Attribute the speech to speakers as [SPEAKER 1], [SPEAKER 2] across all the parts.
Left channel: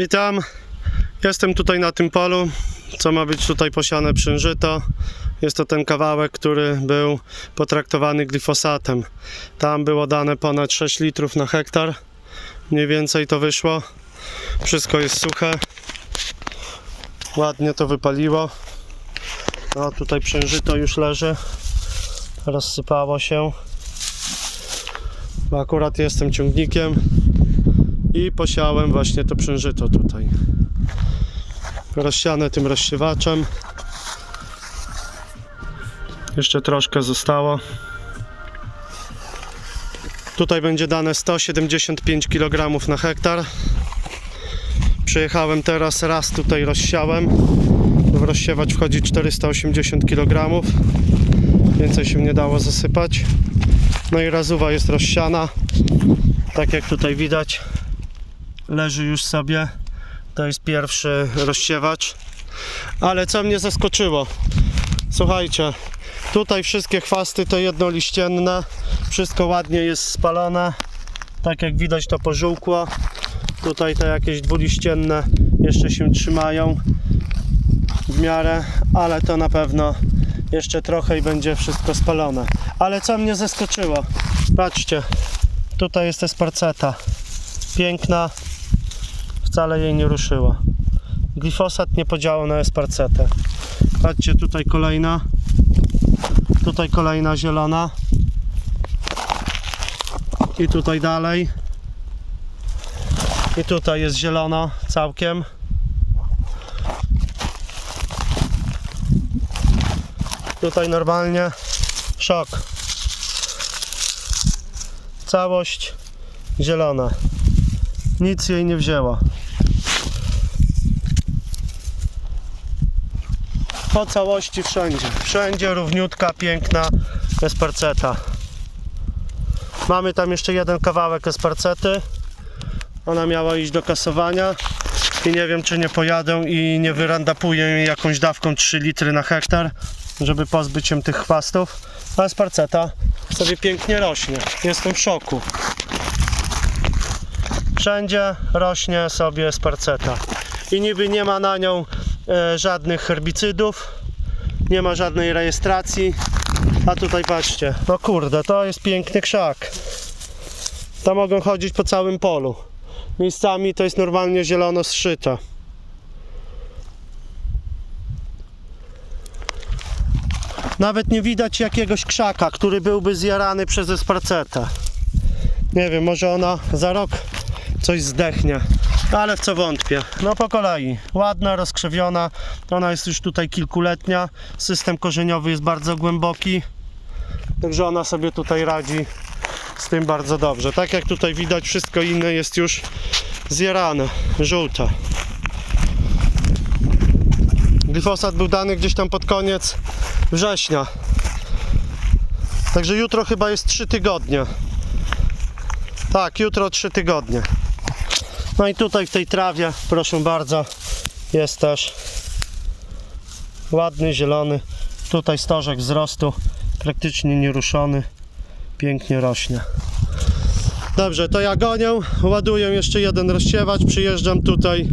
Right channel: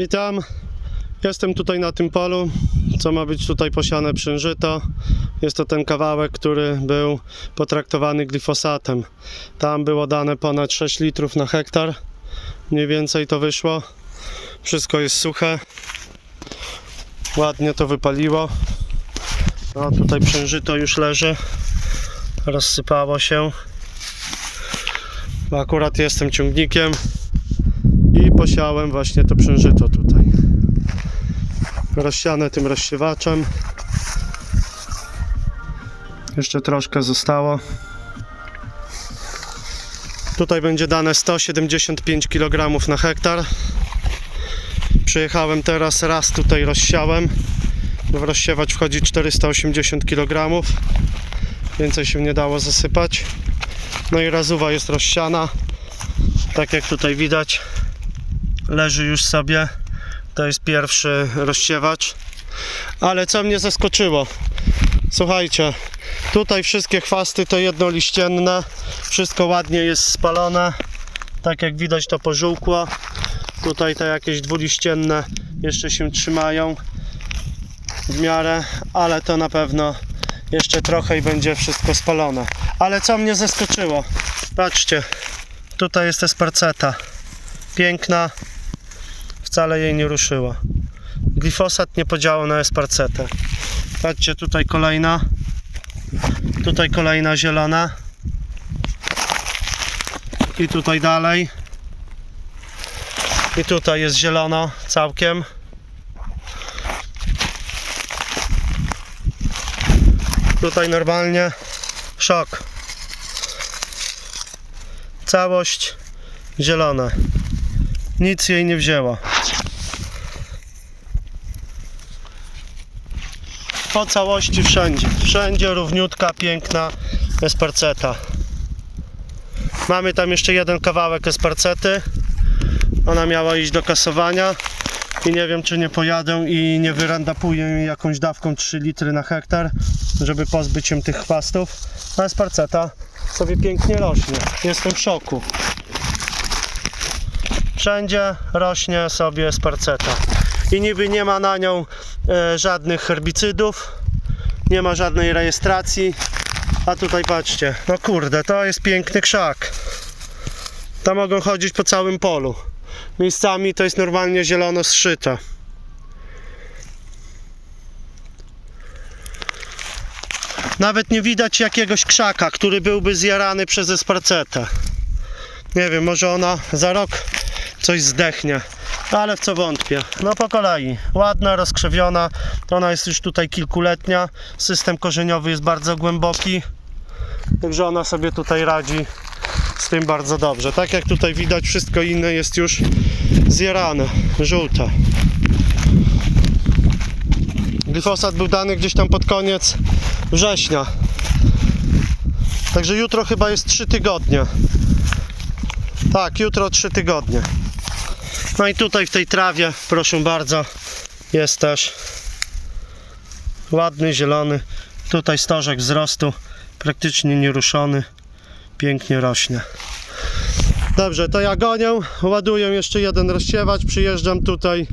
[SPEAKER 1] Witam. Jestem tutaj na tym polu, co ma być tutaj posiane przężyto. Jest to ten kawałek, który był potraktowany glifosatem. Tam było dane ponad 6 litrów na hektar. Mniej więcej to wyszło. Wszystko jest suche. Ładnie to wypaliło. No tutaj przężyto już leży. Rozsypało się. Bo akurat jestem ciągnikiem i posiałem właśnie to przężyto tutaj. Rozsiane tym rozsiewaczem. Jeszcze troszkę zostało. Tutaj będzie dane 175 kg na hektar. Przyjechałem teraz, raz tutaj rozsiałem. W rozsiewacz wchodzi 480 kg. Więcej się nie dało zasypać. No i razuwa jest rozsiana. Tak jak tutaj widać, leży już sobie. To jest pierwszy rozsiewacz. Ale co mnie zaskoczyło? Słuchajcie, tutaj wszystkie chwasty to jednoliścienne. Wszystko ładnie jest spalone. Tak jak widać to pożółkło. Tutaj te jakieś dwuliścienne jeszcze się trzymają w miarę, ale to na pewno jeszcze trochę i będzie wszystko spalone. Ale co mnie zaskoczyło? Patrzcie, tutaj jest esparceta. Piękna, wcale jej nie ruszyło. Glifosat nie podziałał na esparcetę. Patrzcie, tutaj kolejna. Tutaj kolejna zielona. I tutaj dalej. I tutaj jest zielono całkiem. Tutaj normalnie szok. Całość zielona. Nic jej nie wzięło. Po całości wszędzie. Wszędzie równiutka, piękna esparceta. Mamy tam jeszcze jeden kawałek esparcety. Ona miała iść do kasowania. I nie wiem, czy nie pojadę i nie wyrandapuję jej jakąś dawką 3 litry na hektar, żeby pozbyć się tych chwastów. A esparceta sobie pięknie rośnie. Jestem w szoku. Wszędzie rośnie sobie sparceta. I niby nie ma na nią e, żadnych herbicydów, nie ma żadnej rejestracji. A tutaj patrzcie, no kurde, to jest piękny krzak. To mogą chodzić po całym polu. Miejscami to jest normalnie zielono zszyte. Nawet nie widać jakiegoś krzaka, który byłby zjarany przez esparcetę. Nie wiem, może ona za rok coś zdechnie, ale w co wątpię. No po kolei, ładna, rozkrzewiona, ona jest już tutaj kilkuletnia, system korzeniowy jest bardzo głęboki, także ona sobie tutaj radzi z tym bardzo dobrze. Tak jak tutaj widać, wszystko inne jest już zjarane, żółte. Glifosat był dany gdzieś tam pod koniec września. Także jutro chyba jest 3 tygodnie. Tak, jutro 3 tygodnie. No i tutaj w tej trawie, proszę bardzo, jest też ładny, zielony. Tutaj stożek wzrostu, praktycznie nieruszony. Pięknie rośnie. Dobrze, to ja gonię, ładuję jeszcze jeden rozsiewacz, przyjeżdżam tutaj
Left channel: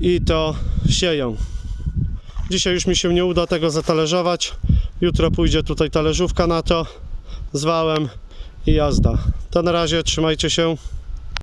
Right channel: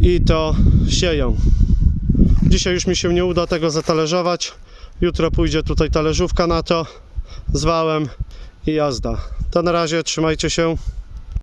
[SPEAKER 1] i to sieję. Dzisiaj już mi się nie uda tego zatalerzować. Jutro pójdzie tutaj talerzówka na to z wałem i jazda. To na razie, trzymajcie się.